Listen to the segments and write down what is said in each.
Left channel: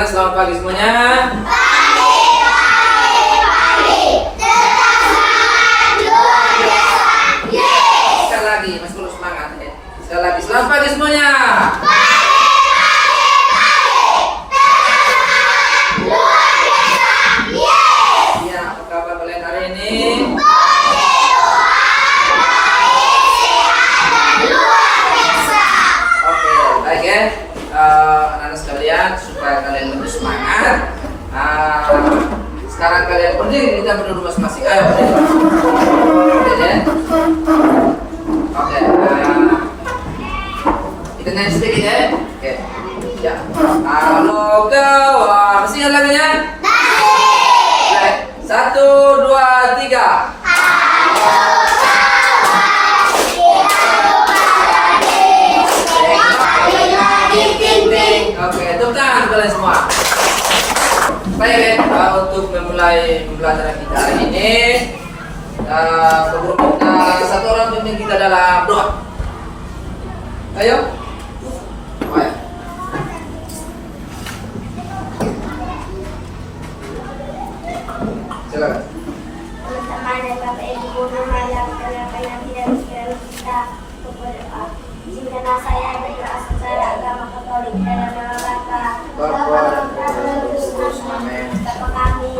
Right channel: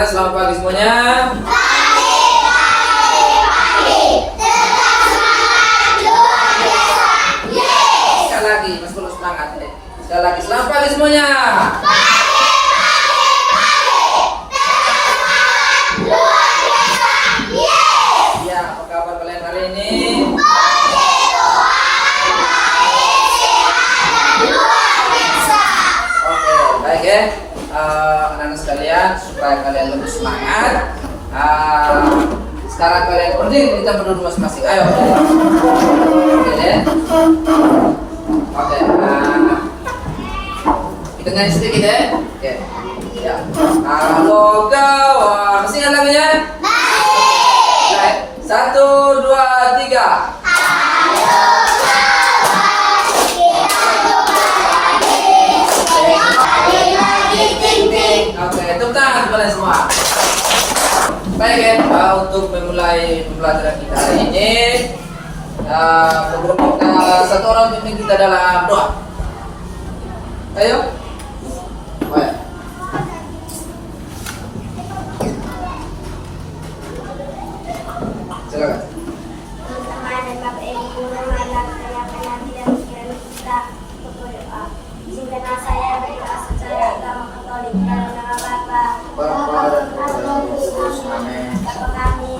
anak-anak selamat pagi semuanya. Sekali lagi, masih perlu semangat ya. Sekali lagi, selamat pagi semuanya. Ya, apa kabar kalian hari ini? Oke, baik ya. Anak-anak sekalian, supaya kalian lebih semangat, sekarang kalian berdiri di tempat duduk masing-masing. Ayo berdiri. Oke ya. Oke. Kita nyanyi sedikit ya. Oke. Ya. Halo kawan, masih ingat lagunya? Baik. 1, 2, 3. Oke, tepuk tangan kalian semua. Baik ya, untuk memulai pembelajaran kita hari ini, satu orang pimpin kita dalam doa. Ayo. Baik. Silakan. Bersama dan Bapak Ibu Guru yang perkenalkan Nabi dan sekalian kita berdoa. Izinkanlah saya berdoa secara agama Katolik dalam nama Bapa, Amin. Bapa kami,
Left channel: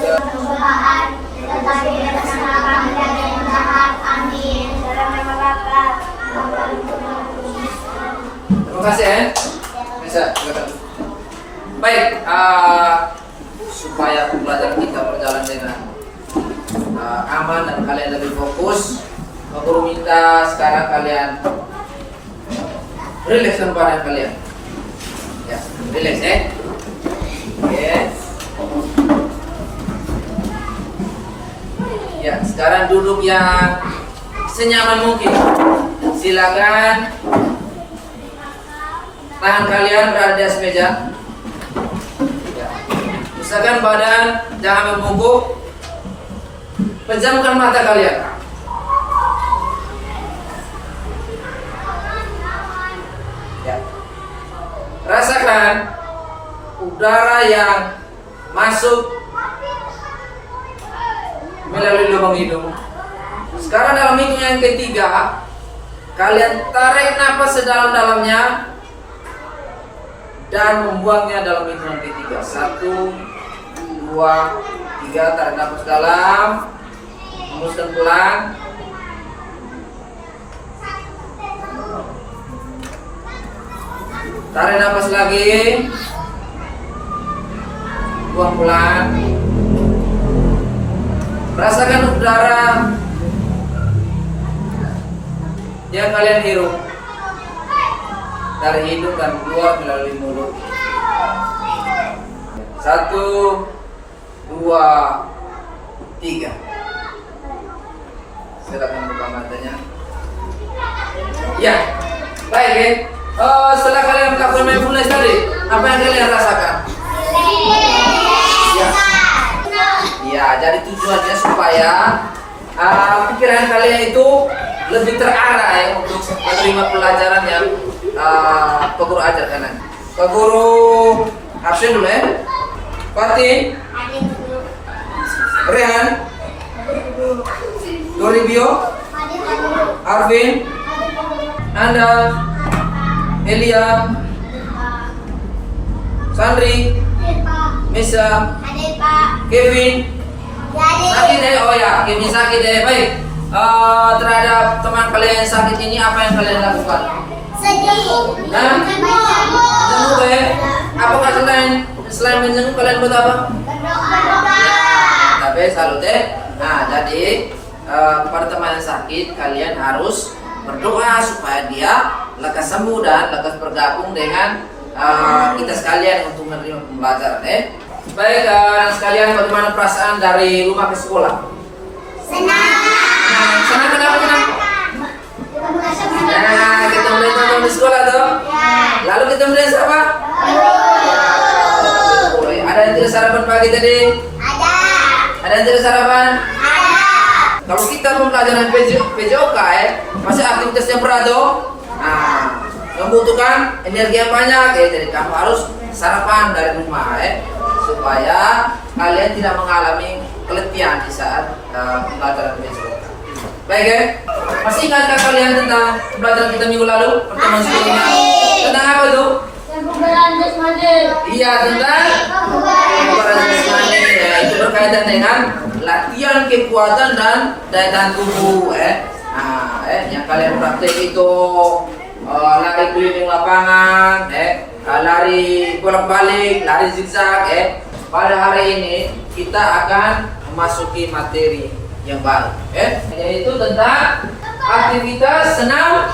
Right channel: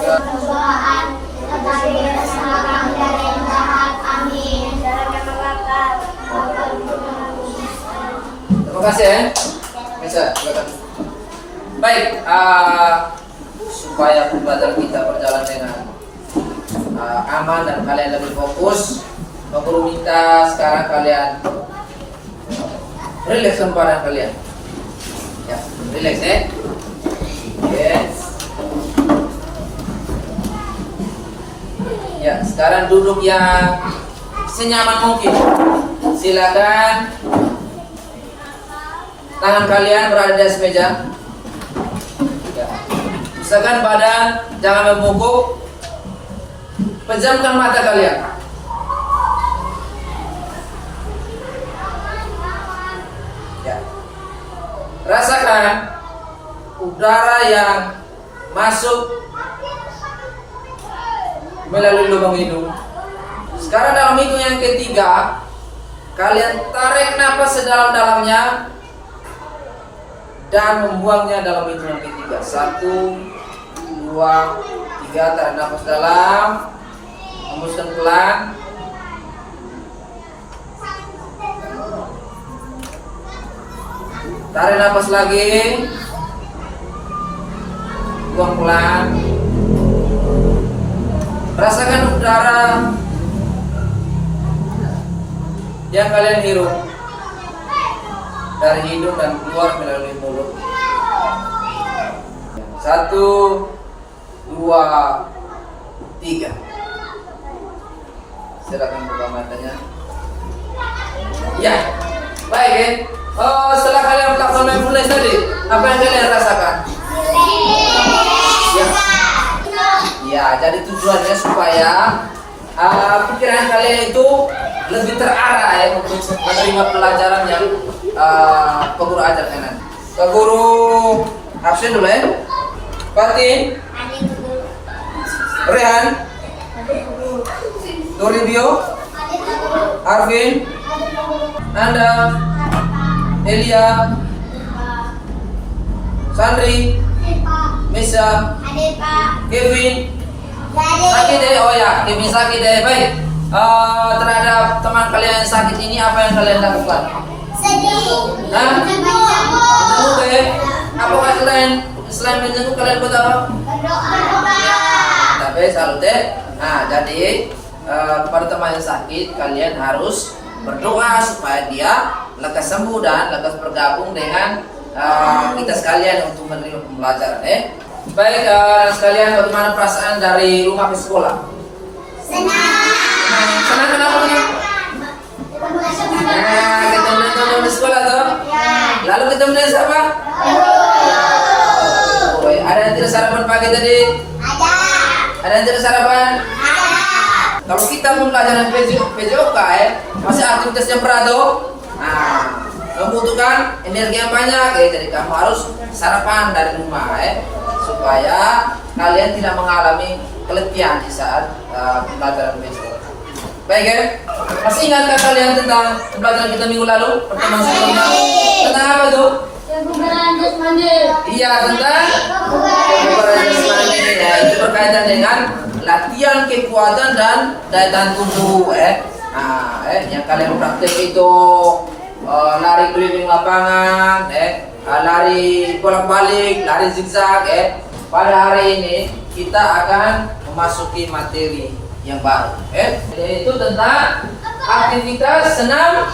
persembahan, tetapi dengan nama kami dan yang jahat. Amin. Dalam nama Bapa. Terima kasih ya. Bisa, silakan. Baik, supaya pembelajaran kita berjalan dengan aman dan kalian lebih fokus, Pak Guru minta sekarang kalian relaxkan badan kalian. Ya, relax ya. Oke. Ya, sekarang duduk yang senyaman mungkin. Silakan tangan kalian berada di atas meja. Ya. Usahakan badan jangan membungkuk. Pejamkan mata kalian. Ya. Rasakan udara yang masuk melalui lubang hidung. Sekarang dalam hitung yang ketiga, kalian tarik nafas sedalam-dalamnya dan membuangnya dalam hitungan ketiga. 1, 2, 3. Tarik nafas dalam, hembuskan pelan. Tarik nafas lagi, buang pelan. Rasakan udara yang kalian hirup dari hidung dan keluar melalui mulut. 1, 2, 3. Silakan buka matanya. Ya, baik ya. Setelah kalian melakukan mindfulness tadi, apa yang kalian rasakan? Ya, ya. Jadi tujuannya supaya pikiran kalian itu lebih terarah ya untuk menerima pelajaran yang Pak Guru ajarkan. Pak Guru absen dulu ya. Pati, Rehan, Toribio, Arvin, Anda, Elia, Sandri, Misa, Kevin, sakit deh. Oh ya, Kevin sakit deh. Baik. Terhadap teman kalian yang sakit ini apa yang kalian lakukan? Sedih. Nah, menjenguk ya. Apakah selain menjenguk kalian buat apa? Berdoa. Ya, tapi salut ya. Nah, jadi kepada teman yang sakit kalian harus berdoa supaya dia lekas sembuh dan lekas bergabung dengan kita sekalian untuk menerima pembelajaran ya. Baik, sekalian, bagaimana perasaan dari rumah ke sekolah? Senang. Senang kenapa senang? Nah, ketemu teman di sekolah tuh. Lalu ketemu dengan siapa? Ada yang tidak sarapan pagi tadi? Ada yang tidak sarapan? Kalau kita pembelajaran PJOK masih aktivitas yang berat tuh. Nah, membutuhkan energi yang banyak ya. Jadi kamu harus sarapan dari rumah ya, supaya kalian tidak mengalami keletihan di saat pembelajaran besok. Baik ya, masih ingatkah kalian tentang pembelajaran kita minggu lalu pertemuan sebelumnya? Tentang apa tuh? Iya, tentang kebugaran jasmani ya, itu berkaitan dengan latihan kekuatan dan daya tahan tubuh Nah, yang kalian praktek itu lari keliling lapangan, lari bolak-balik, lari zigzag Pada hari ini kita akan memasuki materi yang baru yaitu tentang aktivitas senam.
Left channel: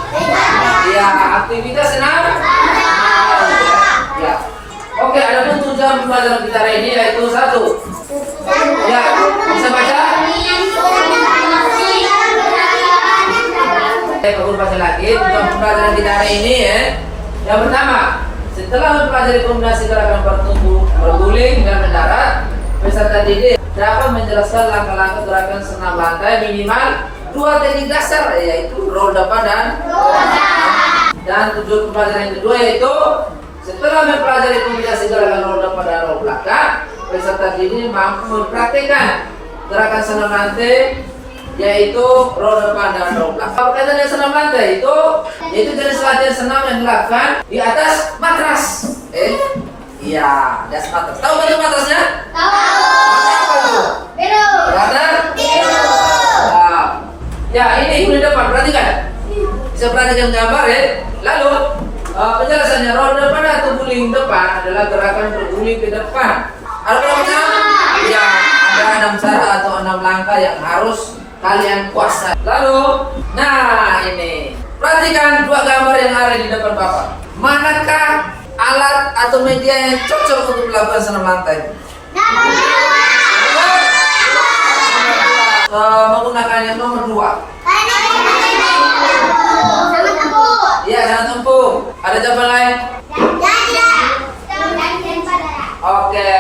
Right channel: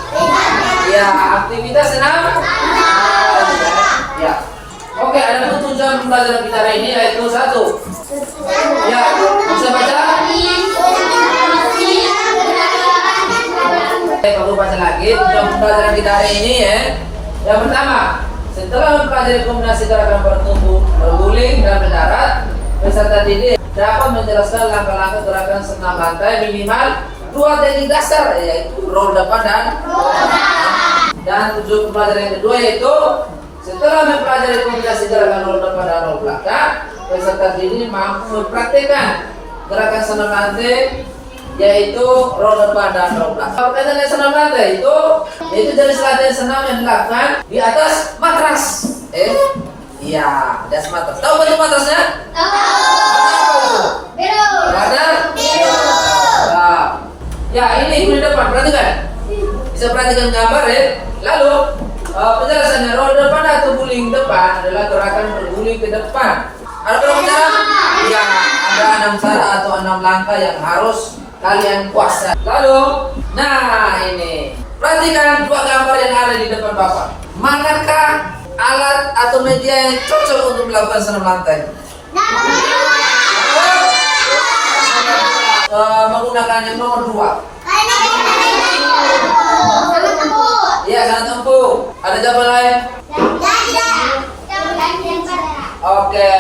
Ya, aktivitas senam. Ya. Oke, ada pun tujuan pembelajaran kita hari ini yaitu satu. Ya, bisa baca? Pak Guru baca lagi tujuan pembelajaran kita hari ini ya. Yang pertama, setelah mempelajari kombinasi gerakan bertumbuh, berguling dan mendarat, peserta didik dapat menjelaskan langkah-langkah gerakan senam lantai minimal 2 teknik dasar yaitu roll depan dan roll belakang. Dan tujuan pembelajaran yang kedua yaitu setelah mempelajari kombinasi gerakan roll depan dan roll belakang, peserta didik mampu mempraktikkan gerakan senam lantai yaitu roll depan dan roll belakang. Berkaitan dengan senam lantai itu jenis latihan senam yang dilakukan di atas matras. Iya, di atas matras. Tahu bentuk matrasnya? Tahu. Apa itu? Biru. Warna? Biru. Ya, ini di depan, perhatikan. Bisa perhatikan gambar ya. Lalu penjelasannya, roll depan atau guling depan adalah gerakan berguling ke depan. Ada berapa cara? Ya, ada 6 cara atau 6 langkah yang harus kalian kuasai. Lalu, nah ini, perhatikan 2 gambar yang ada di depan Bapak. Manakah alat atau media yang cocok untuk melakukan senam lantai? Menggunakan yang nomor 2. Iya, sangat empuk. Ada jawaban lain? Oke.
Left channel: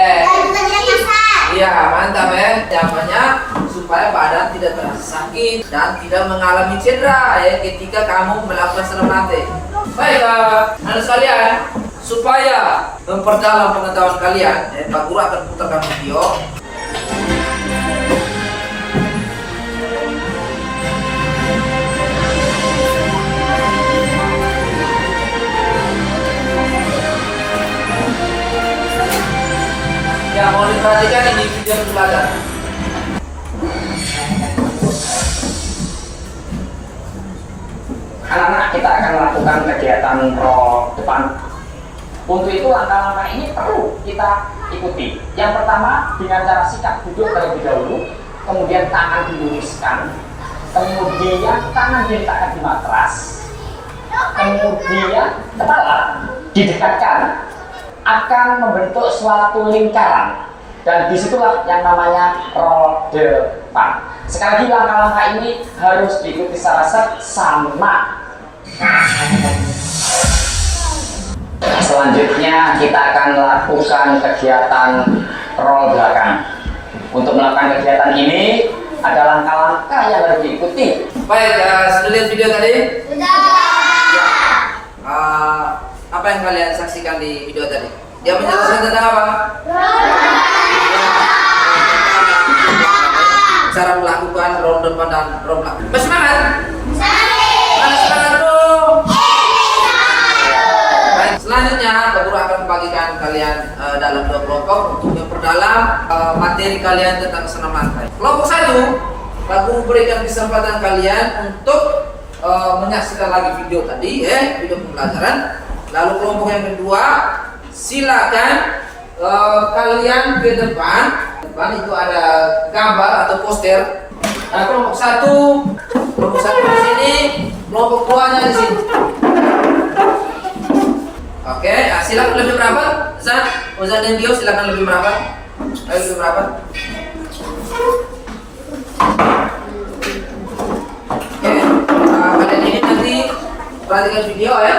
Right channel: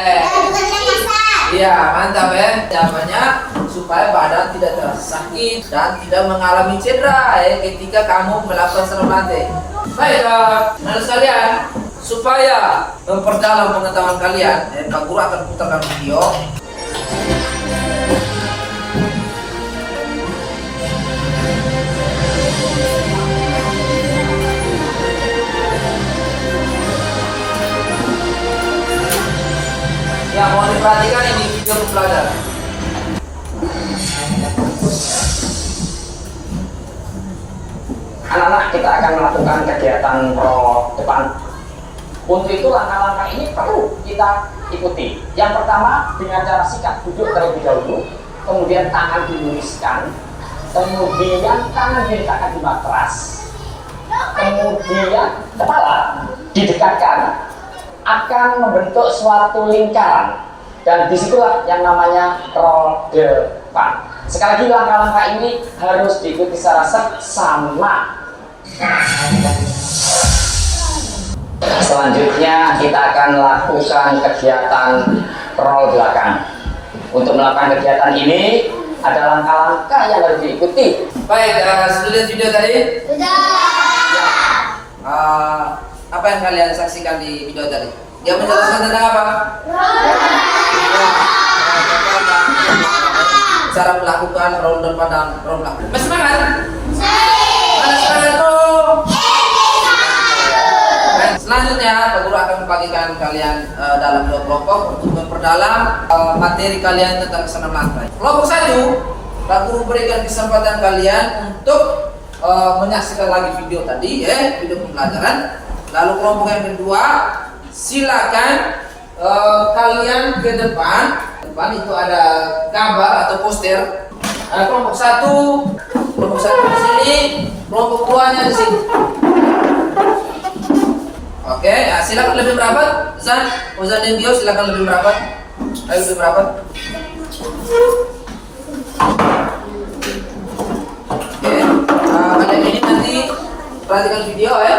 Iya, mantap ya. Jawabannya supaya badan tidak terasa sakit dan tidak mengalami cedera ketika kamu melakukan senam lantai. Baik, anak sekalian, supaya memperdalam pengetahuan kalian, Pak Guru akan putarkan video. Ya, mohon diperhatikan ini video pembelajaran. Anak-anak, kita akan melakukan kegiatan roll depan. Untuk itu langkah-langkah ini perlu kita ikuti. Yang pertama, dengan cara sikap duduk terlebih dahulu, kemudian tangan diluruskan, kemudian tangan diletakkan di matras, kemudian kepala didekatkan, akan membentuk suatu lingkaran, dan disitulah yang namanya roll depan. Sekali lagi, langkah-langkah ini harus diikuti secara seksama. Selanjutnya kita akan lakukan kegiatan roll belakang. Untuk melakukan kegiatan ini ada langkah-langkah yang harus diikuti. Baik, sudah lihat video tadi? Sudah. Ya. Apa yang kalian saksikan di video tadi? Dia menjelaskan tentang apa? Cara melakukan roll depan dan roll belakang. Masih semangat? Mana semangatmu? Baik, selanjutnya Pak Guru akan membagikan kalian dalam 2 kelompok untuk memperdalam materi kalian tentang senam lantai. Kelompok 1, Pak Guru berikan kesempatan kalian untuk menyaksikan lagi video tadi video pembelajaran. Lalu kelompok yang kedua, silakan kalian ke depan. Depan itu ada gambar atau poster. Nah, kelompok 1 di sini, kelompok 2-nya di sini. Oke, silakan lebih merapat. Uzan dan Dio silakan lebih merapat. Ayo lebih merapat. Oke, kalian ini nanti perhatikan video ya.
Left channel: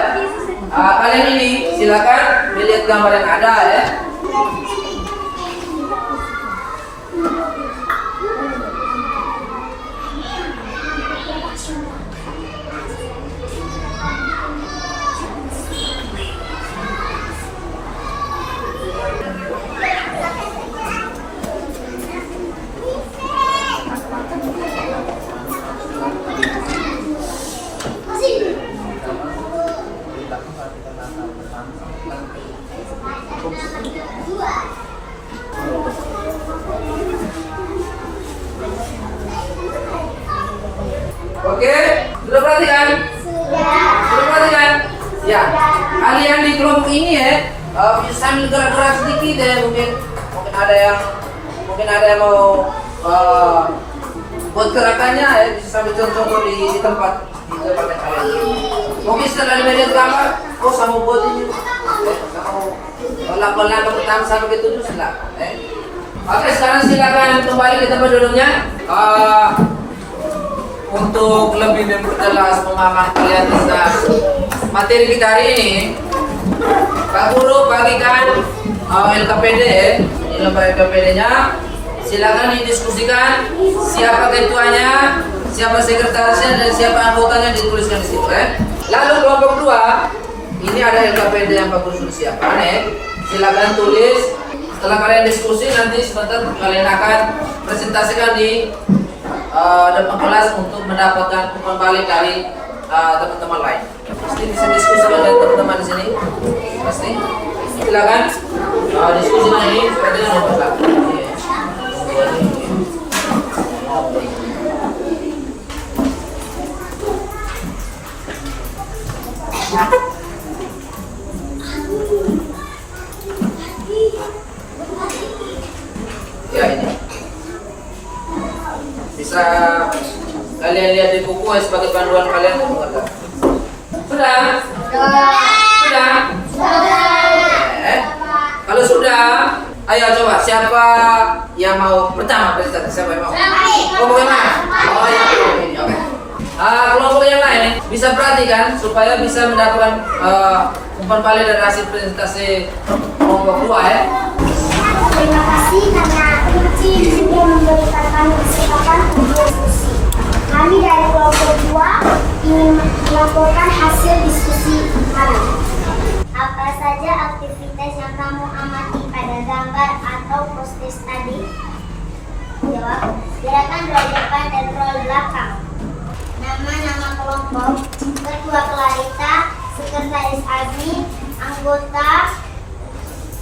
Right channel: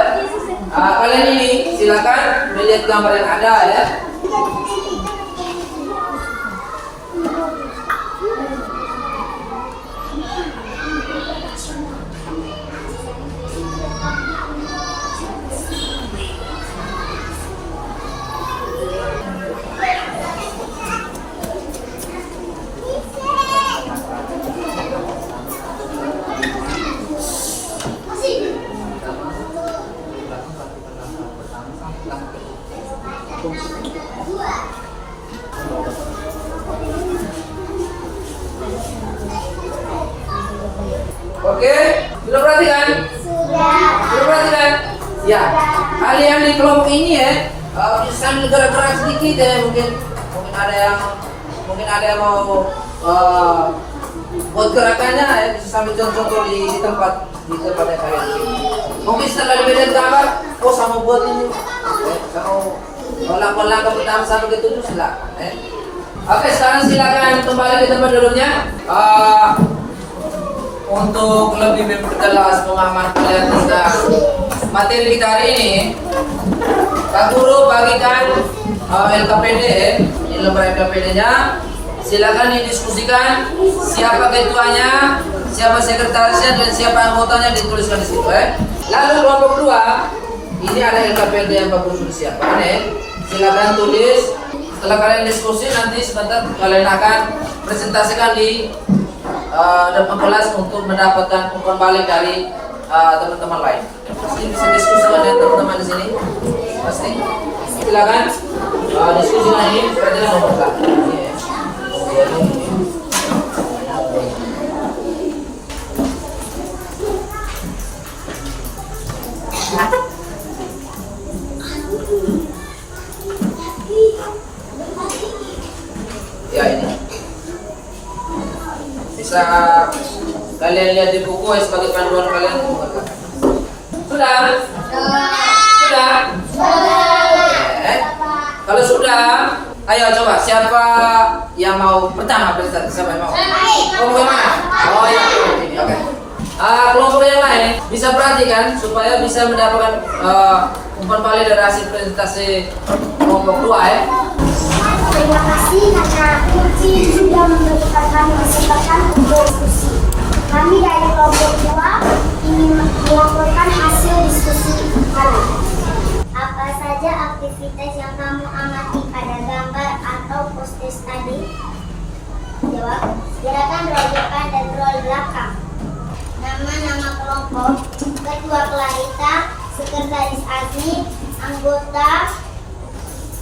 Kalian ini silakan melihat gambar yang ada ya. Oke, sudah perhatikan? Sudah. Sudah perhatikan? Ya, kalian di kelompok ini ya, sambil gerak-gerak sedikit ya, mungkin ada yang mau buat gerakannya ya, bisa sambil contoh di tempat yang kalian. Mungkin setelah di media gambar, oh sama buat ini, sama lakukan langkah pertama sampai ke 7 silakan. Oke, sekarang silakan kembali ke tempat duduknya. Untuk lebih memperjelas pemahaman kalian tentang materi kita hari ini, Pak Guru bagikan LKPD, ini lembar LKPD-nya. Silakan didiskusikan siapa ketuanya, siapa sekretarisnya, dan siapa anggotanya dituliskan di situ. Lalu kelompok 2, ini ada LKPD yang Pak Guru sudah siapkan. Silakan tulis. Setelah kalian diskusi, nanti sebentar kalian akan presentasikan di depan kelas untuk mendapatkan umpan balik dari teman-teman lain. Pasti bisa diskusikan dengan teman-teman di sini. Pasti. Silakan diskusi lagi. Seperti yang nomor belakang. Ya ini. Bisa kalian lihat di buku sebagai panduan kalian untuk mengerti. Sudah? Sudah? Kalau sudah, ayo coba siapa yang mau pertama presentasi? Siapa yang mau? Kelompok yang mana? Oh ya, ini oke. Kelompok yang lain bisa perhatikan supaya bisa mendapatkan umpan balik dari hasil presentasi kelompok 2 ya. Terima kasih karena Uci sudah memberikan kami kesempatan untuk diskusi. Kami dari kelompok 2 ingin melaporkan hasil diskusi kami. Apa saja aktivitas yang kamu amati pada gambar atau poster tadi? Jawab, gerakan roll depan dan roll belakang. Nama-nama kelompok, Ketua Clarita, Sekretaris Azmi, anggota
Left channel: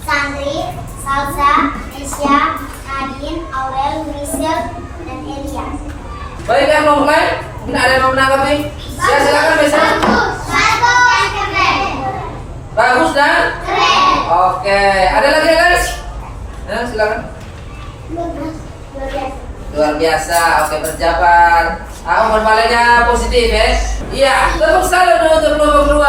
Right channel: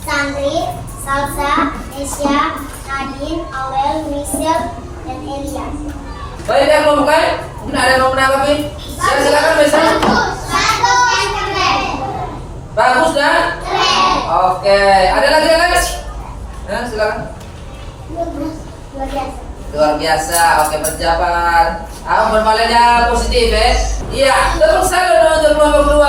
Sandri, Salsa, Nesya, Nadine, Aurel, Michelle, dan Elia. Baik ya kelompok lain, mungkin ada yang mau menanggapi? Silakan bisa. Bagus dan keren. Oke, ada lagi guys? Nah, silakan. Luar biasa. Luar biasa. Oke, berjabat. Umpan baliknya positif ya. Iya, tepuk salut untuk kelompok 2.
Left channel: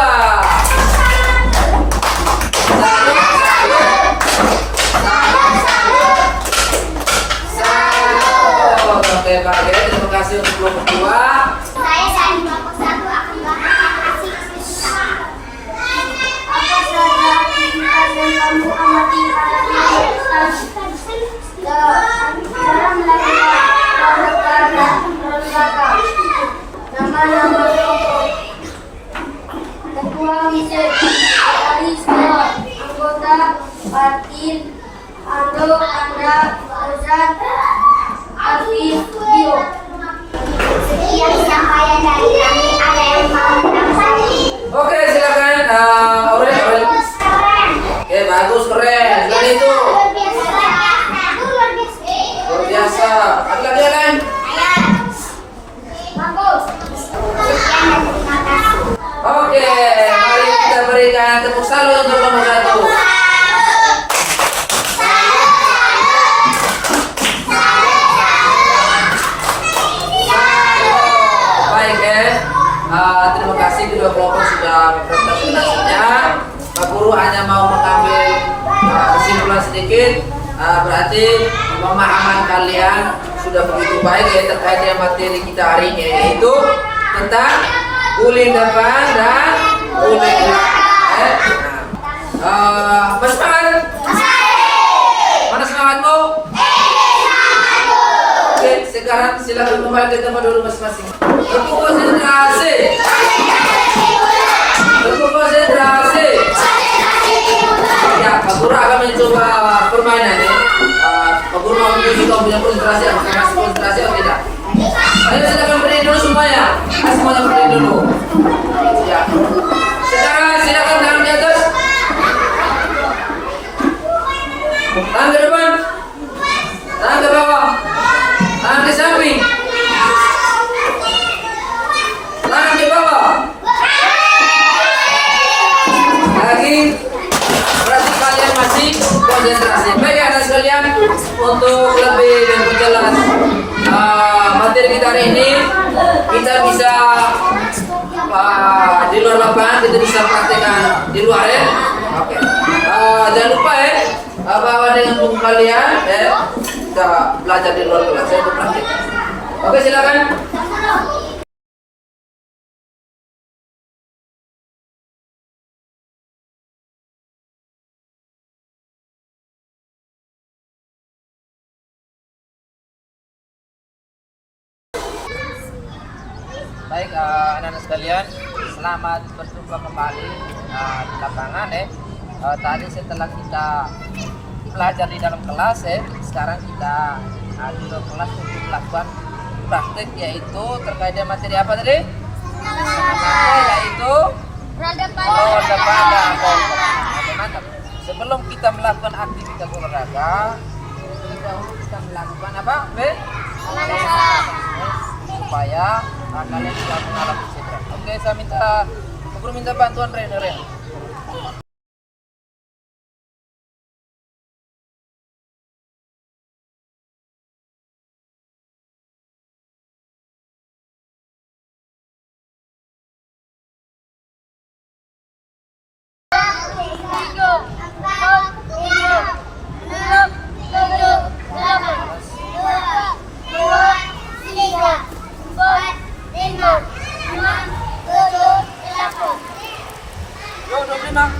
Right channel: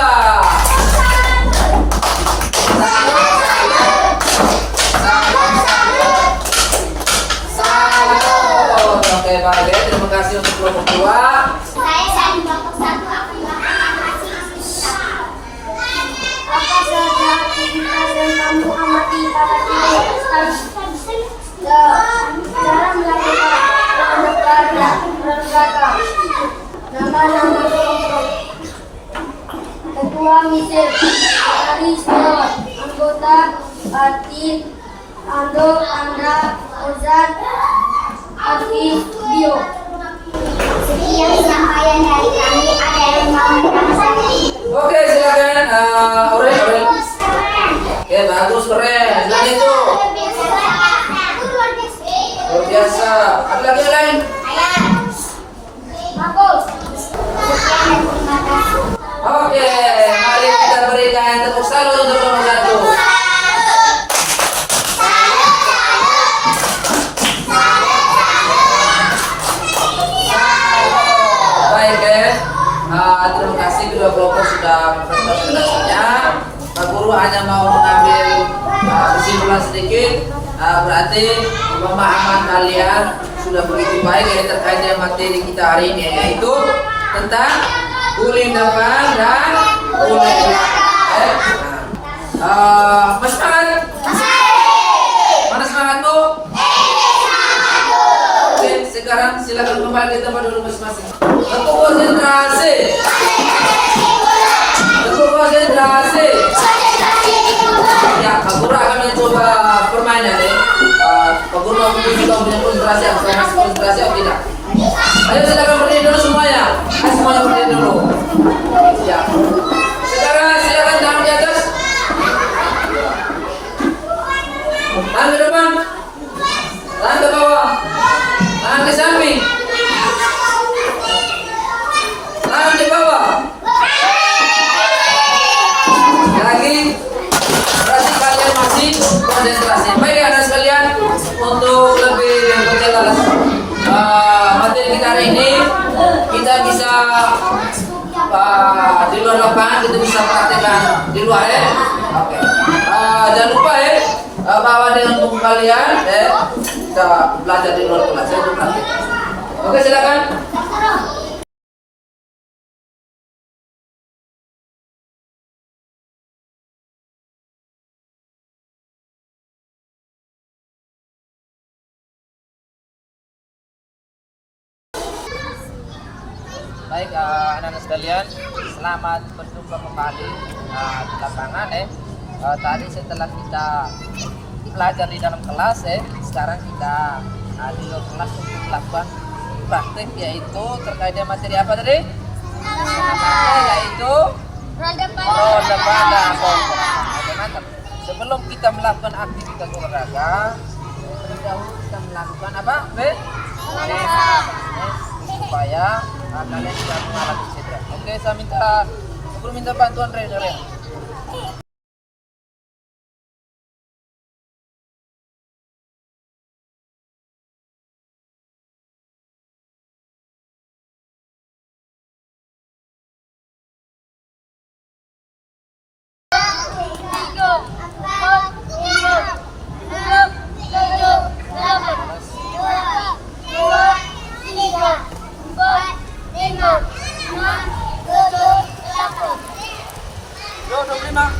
Oke, baik ya. Terima kasih untuk kelompok 2. Saya dari kelompok 1 akan kasih susah. Apa saja aktivitas yang kamu amati pada dalam melakukan roll belakang. Nama-nama kelompok. Ketua Michelle, Sekretaris John, anggota Martin, Ando, Anda, Ozan, Arif, Bio. Sekian sampaian dari kami. Ada yang mau menanggapi? Oke, silakan Aurel. Oke, bagus, keren. Dan itu luar biasa. Ada lagi yang lain? Bagus. Sekian dan terima kasih. Oke, mari kita berikan tepuk salut untuk kelompok 1. Baik ya, terima kasih kedua kelompok sudah mempresentasikan hasilnya. Pak Guru hanya mau mengambil kesimpulan sedikit. Berarti pemahaman kalian sudah begitu baik ya terkait dengan materi kita hari ini, yaitu tentang guling depan dan guling belakang. Masih semangat? Mana semangatmu? Oke, sekarang silakan kembali ke tempat dulu masing-masing. Tepuk konsentrasi. Tepuk konsentrasi. Ya, Pak Guru akan mencoba permainan ya. Pak Guru mau menguji kamu punya konsentrasi, apakah masih konsentrasi atau tidak? Ayo silakan berdiri dulu semuanya. Ayo semuanya berdiri dulu. Ya. Sekarang silakan tangan di atas. konsentrasi. Baik anak sekalian, untuk lebih memperjelas materi kita hari ini, kita bisa di luar lapangan, kita bisa praktekkan di luar ya. Oke. Jangan lupa ya, bawa dengan buku kalian ya. Kita belajar di luar kelas ya untuk praktek. Oke, silakan. Baik anak-anak sekalian, selamat berjumpa kembali di lapangan ya. Tadi setelah kita belajar di dalam kelas ya, sekarang kita di luar kelas untuk melakukan praktek, yaitu terkait dengan materi apa tadi? Yaitu roda pada kompas. Oke, mantap. Sebelum kita melakukan aktivitas olahraga, terlebih dahulu kita melakukan apa? Supaya kalian bisa mengalami cedera. Oke, saya minta bantuan trainer ya. Yo, 25.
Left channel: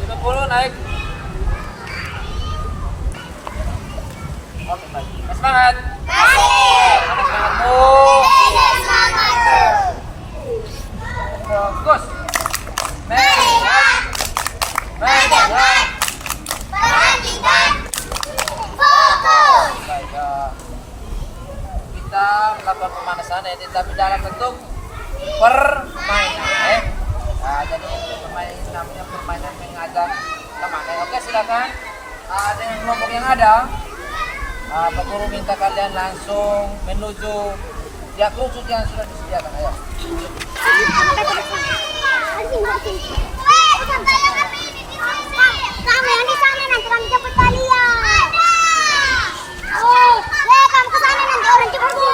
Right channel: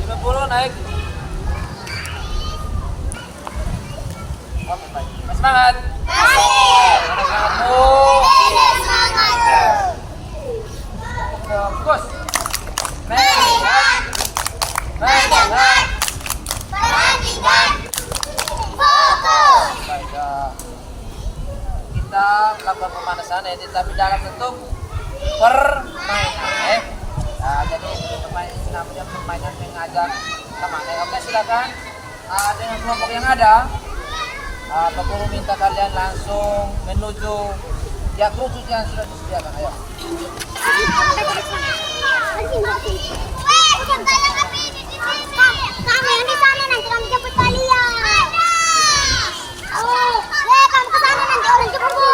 30 naik. Oke, baik. Semangat. Mana semangatmu? Fokus. Baik, kita melakukan pemanasan ini tapi dalam bentuk permainan jadi permainan ini namanya permainan mengajak teman. Oke, silakan dengan kelompok yang ada Pak Guru minta kalian langsung menuju ya kerucut yang sudah disediakan. Ayo. Kamu yang di sana nanti kami jemput kalian. Kamu ke sana nanti orang jemput.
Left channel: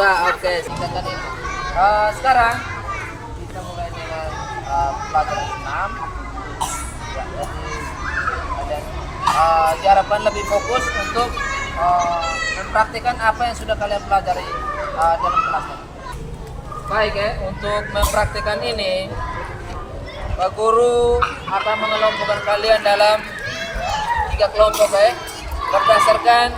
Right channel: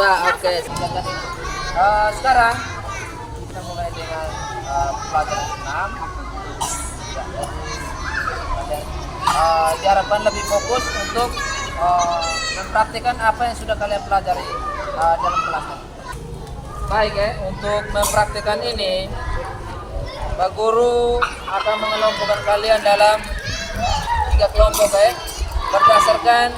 Oke, sekarang kita mulai dengan pelajaran 6. Ya, jadi kalian diharapkan lebih fokus untuk mempraktikkan apa yang sudah kalian pelajari dalam kelas tadi. Baik ya, untuk mempraktikkan ini, Pak Guru akan mengelompokkan kalian dalam 3 kelompok ya, berdasarkan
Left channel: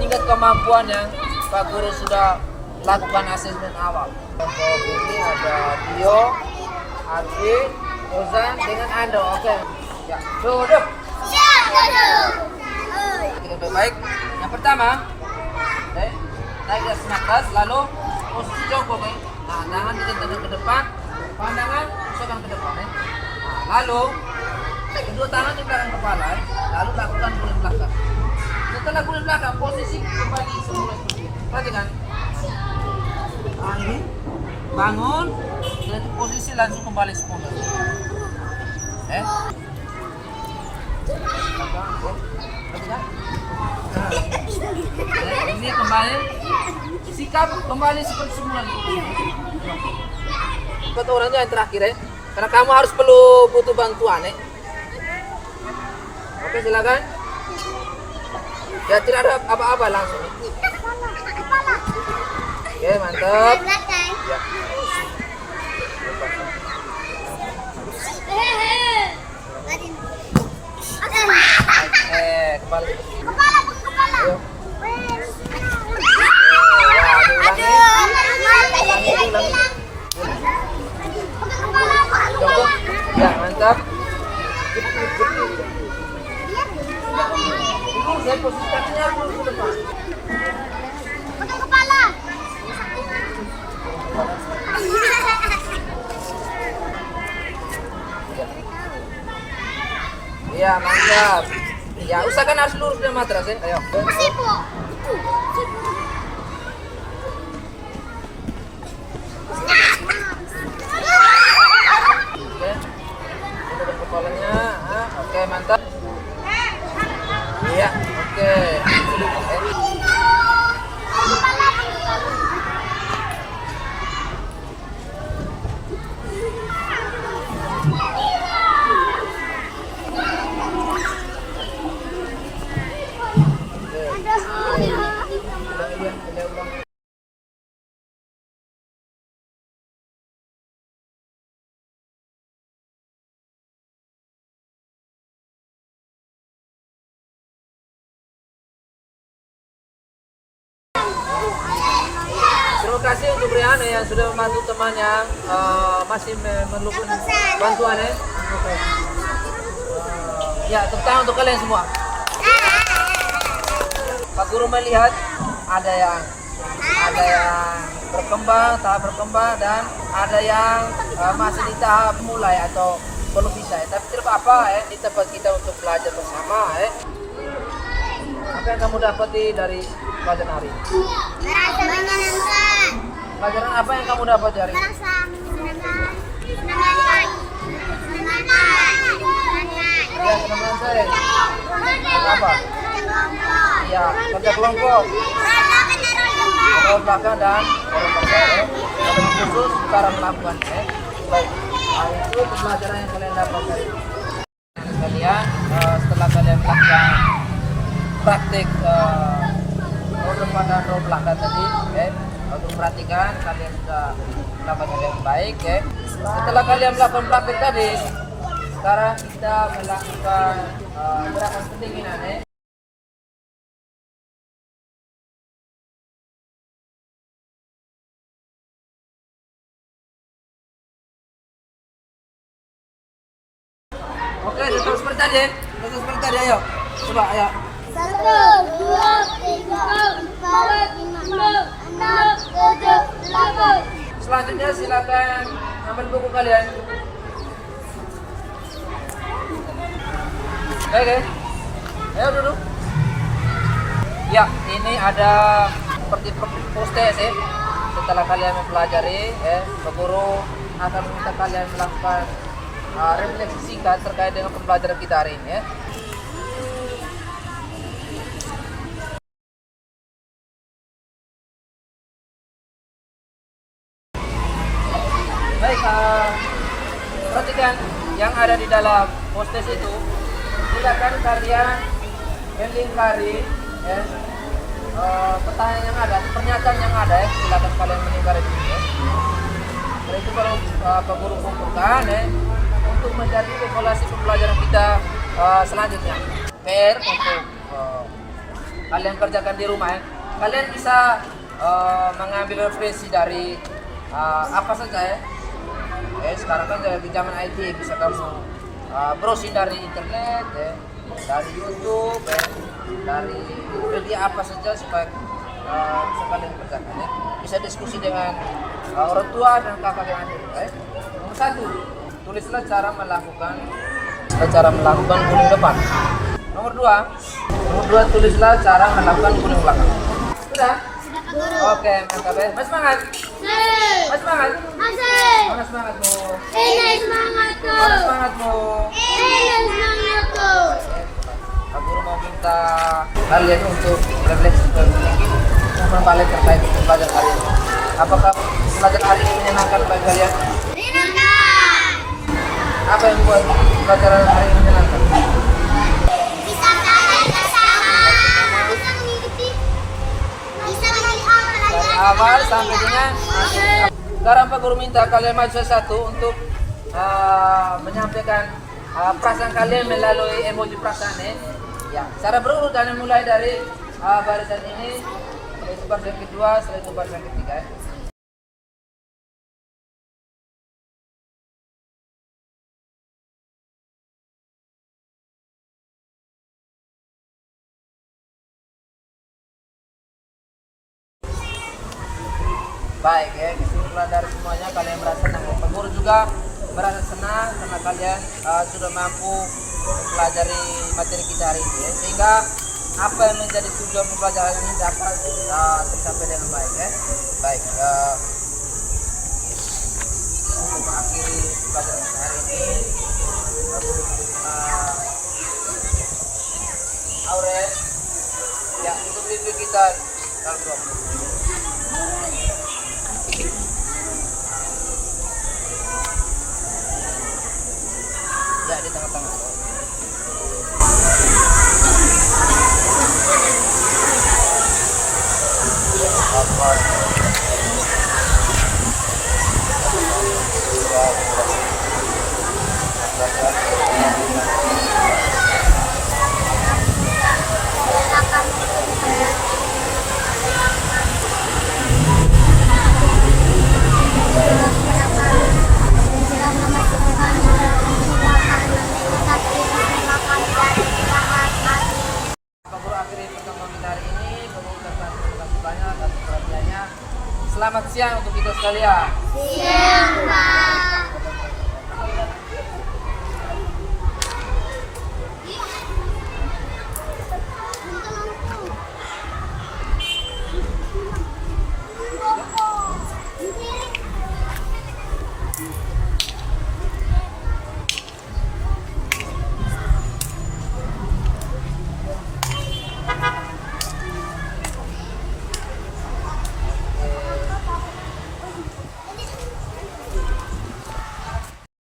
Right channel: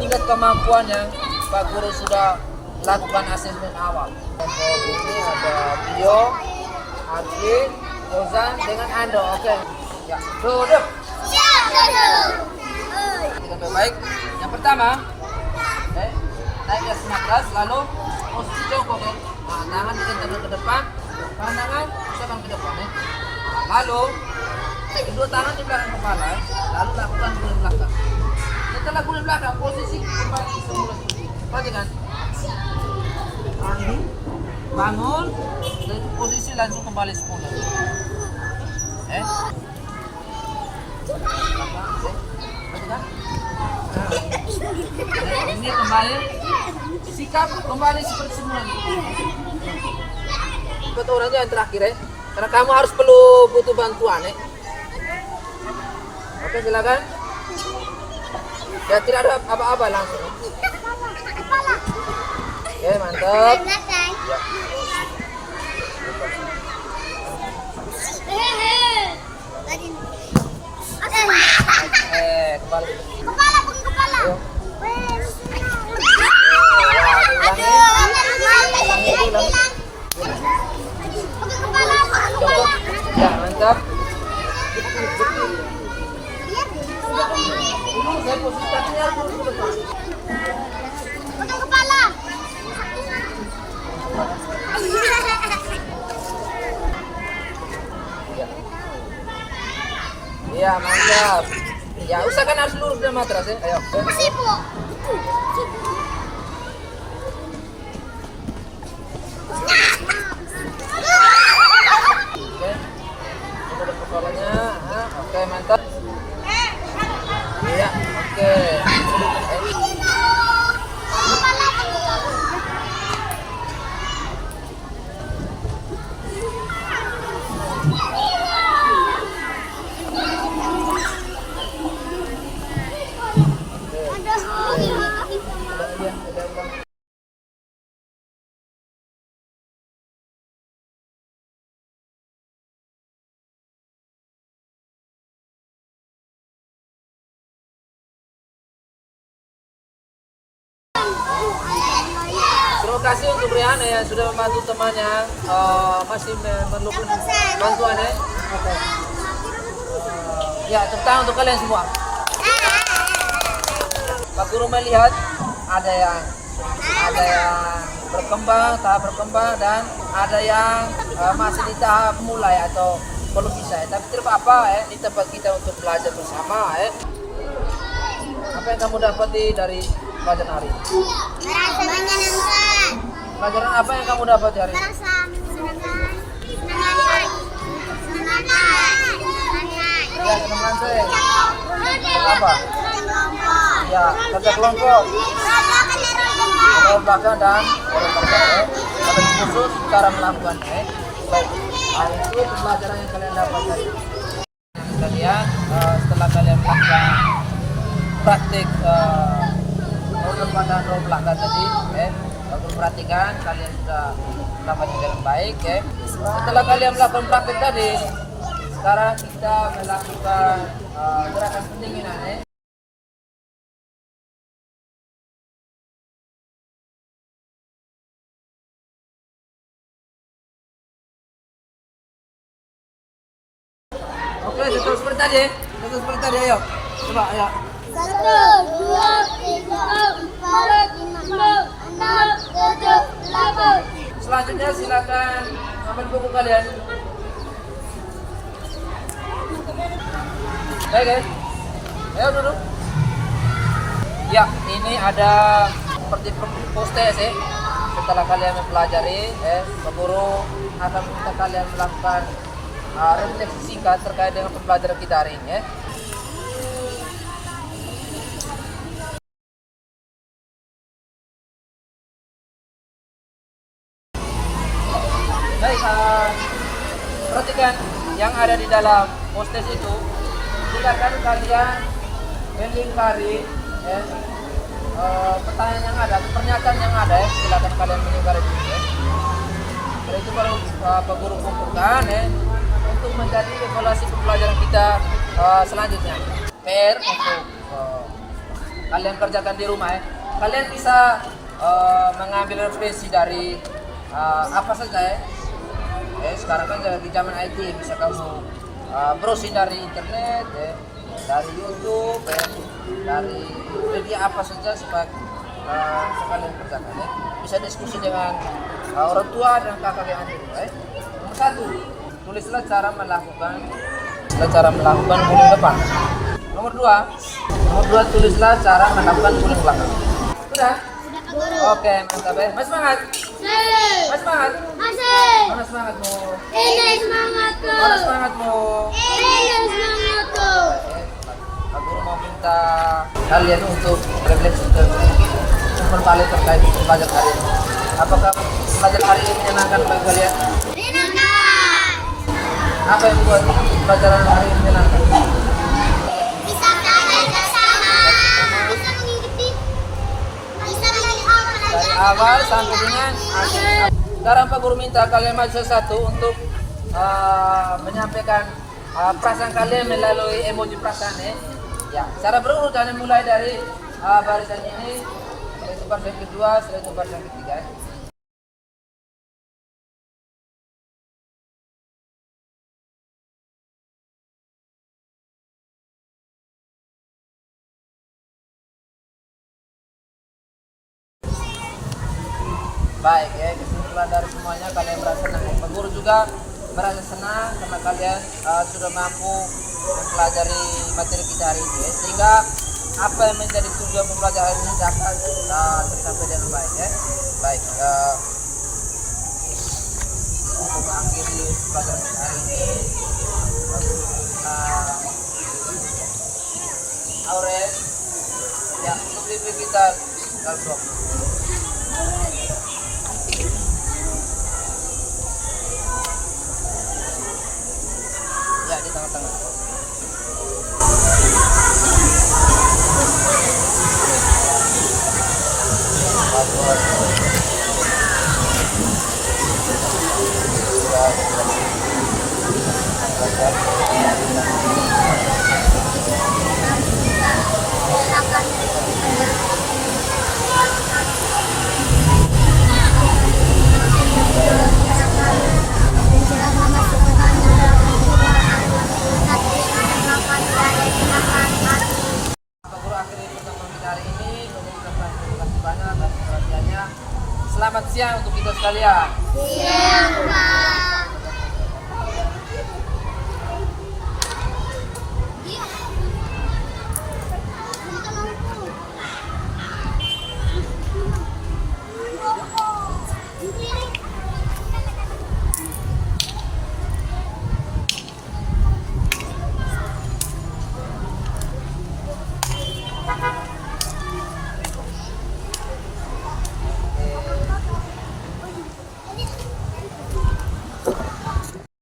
tingkat kemampuan yang Pak Guru sudah lakukan asesmen awal. Kelompok ini ada Tio, Arfi, Ozan dengan Ando. Oke. Ya, duduk. Siap, duduk. Kita baik. Yang pertama, naik ke atas, lalu posisi jongkok. Nah, tangan dikentangkan ke depan, pandangan pusatkan ke depan. Nah, lalu kedua tangan di belakang kepala, lalu lakukan guling belakang. Setelah guling belakang, posisi kembali semula seperti ini. Perhatikan. Bangun, dari posisi langsung kembali semula. Belakang, perhatikan. Ini kembali, sikap kembali seperti semula. Buat orangnya yang terakhir ya, karena kamu harus butuh bantuan ya. Oke, silakan. Ya, tidak ada apa-apa langsung. Oke, mantap. Ya. Oke, kembali. Ayo. Ya, diulangi. Jongkok. Ya, mantap. Dulu saya posisi kakinya harus ke depan. Ya, mantap. Ya, usahakan harus lurus dan matras ya. Ayo. Sipu. Oke. Coba kepalanya. Oke, mantap. Iya, oke. Ulang. Terima kasih untuk Rihanna yang sudah membantu temannya masih memerlukan bantuan ya. Oke. Ya, tepuk tangan untuk kalian semua. Pak Guru melihat ada yang berkembang, tahap berkembang, dan ada yang masih di tahap mulai atau belum bisa ya. Tapi tidak apa-apa ya, di tempat kita untuk belajar bersama ya. Apa yang kamu dapati dari pelajaran hari ini? Merasa menyenangkan. Pelajaran apa yang kamu dapat dari ini? Merasa Ya, senang lantai. Apa? Ya, kerja kelompok. Orang belakang dan orang belakang ya. Ada khusus cara melakukannya. Baik, itu pembelajaran yang kalian dapat dari kalian setelah kalian melakukan praktik roda depan dan roda belakang tadi, Guru perhatikan kalian sudah melakukannya dengan baik. Setelah kalian melakukan praktik tadi, sekarang kita melakukan gerakan pendinginan. Oke, tetap seperti tadi. Tetap seperti tadi, ayo. Coba, ayo. 1, 2, 3, 4, 5, 6, 7, 8. Selanjutnya silakan ambil buku kalian. Oke. Ayo duduk. Ya, ini ada seperti postes ya. Setelah kalian mempelajari, Pak Guru akan meminta kalian melakukan refleksi singkat terkait dengan pembelajaran kita hari ini ya. Baik, perhatikan yang ada di dalam postes itu. Silakan kalian melingkari pertanyaan yang ada, pernyataan yang ada ya. Silakan kalian melingkari itu ya. Setelah itu baru Pak Guru kumpulkan untuk menjadi evaluasi pembelajaran kita selanjutnya. PR untuk kalian kerjakan di rumah ya. Kalian bisa mengambil referensi dari apa saja ya. Sekarang kan di zaman IT bisa kamu browsing dari internet ya, dari YouTube dari media apa saja supaya kalian kerjakan ya. Bisa diskusi dengan orang tua dan kakak yang ada di rumah ya. Nomor 1, tulislah cara melakukan guling depan. Nomor 2, tulislah cara melakukan guling belakang. Sudah? Oke, mantap ya. Mas semangat. Mas semangat. Mana semangatmu? Mana semangatmu? Pak Guru mau minta kalian untuk refleksi sedikit balik terkait pembelajaran hari ini. Apakah pembelajaran hari ini menyenangkan bagi kalian? Apa yang membuat pelajaran hari ini menyenangkan? Bisa belajar bersama. Bisa melihat Dari awal sampai dengan akhir. Sekarang Pak Guru minta kalian maju satu untuk menyampaikan perasaan kalian melalui emoji perasaan ya. Cara berurutan mulai dari barisan ini, setelah itu barisan kedua, setelah itu barisan ketiga ya. Baik ya, kesimpulan dari semuanya kalian merasa senang. Pak Guru juga merasa senang karena kalian sudah mampu mempelajari materi kita hari ini, sehingga apa yang menjadi tujuan pembelajaran ini dapat tercapai dengan baik ya. Baik, untuk mengakhiri pelajaran kita hari ini, Aurel, ya untuk bimbing kita dalam 20 menit. Ya, di tengah-tengah. Pak Guru akhiri pertemuan kita hari ini. Mengucapkan terima kasih banyak atas perhatiannya. Selamat siang untuk kita sekalian. Siang, Pak.